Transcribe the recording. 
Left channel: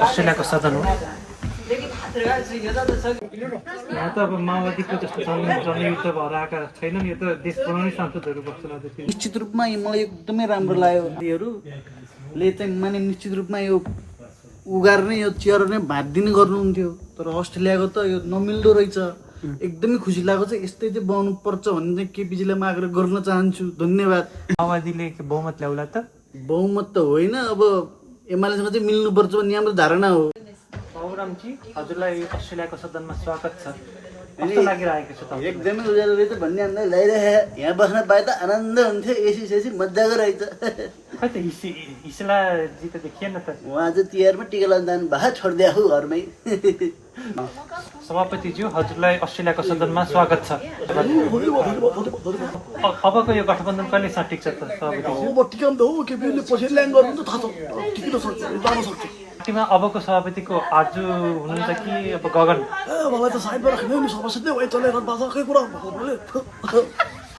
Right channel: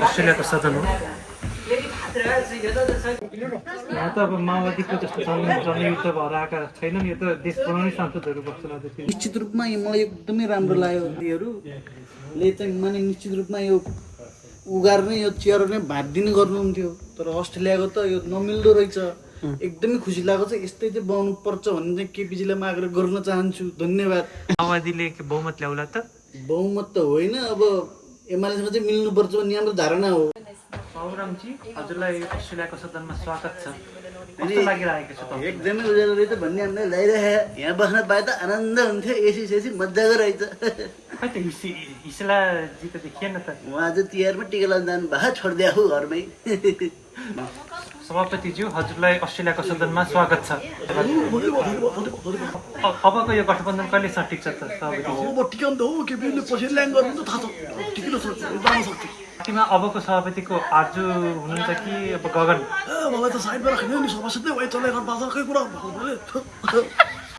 अस्ट्रेलियाको सदन हो। यहाँ त अब माओवादीको जस्तो जनयुद्ध भएर आएका छैनन्। यो त देश बनाउने सांसदहरू बस्छन्। निश्चित रूपमा मलाई एकदमै राम्रो लाग्यो। यिनीहरूले चाहिँ माने निश्चित रूपमा यो उगार्ने यो चेयर नै भाँदिने गर्नुहुन्थ्यो, तर अस्ट्रेलियाको त यो नमिल्दो रहेछ। एकदमै खुसी लागेको छ। यस्तै चाहिँ बनाउनु पर्छ भन्ने चाहिँ केपीजीलाई म आग्रह गर्न चाहन्छु। धन्यवाद। माओवादीले बहुमत ल्याउला त? बहुमत त होइन, अब एमालेसँग चाहिँ मिल्नुपर्छ भन्ने हाम्रो धारणा हो। बाबुरामजी, हजुरलाई अस्ट्रेलियाको सदनमा स्वागत छ। कस्तो लागिरहेको छ तपाईँ? एकदमै उज्यालो रहेछ भन्ने हामीलाई लागिरहेको। यहाँ बस्न पाए त आनन्द हुन्थ्यो। एसी सेसी मजाको रहेछ। खै त हिस्लाजी त देखिएन त। उहाँ चाहिँ तिहारमा टिका लगाउन जानु भएको, छोडिदिएको हो घरमै। सभापतिज्यू, हजुरलाई अस्ट्रेलियाको सदनमा स्वागत छ। अबको यो गठबन्धन कहिलेसम्म टिक्छ त सभापतिज्यू? अब टिकाउनु त हो, केपीले पछि ल्याङ गर्नु त थाहा छ, टिकिन सक्छ, जान सक्छ। पार्टीमा अबको सभापतिको आर्जु हुनुहुन्छ कि अब गगन? मलाई त साइडमा राख्ने नि सभासद नै वही चलाइरहनु भएको छ, खै कुरा गर्नु भएको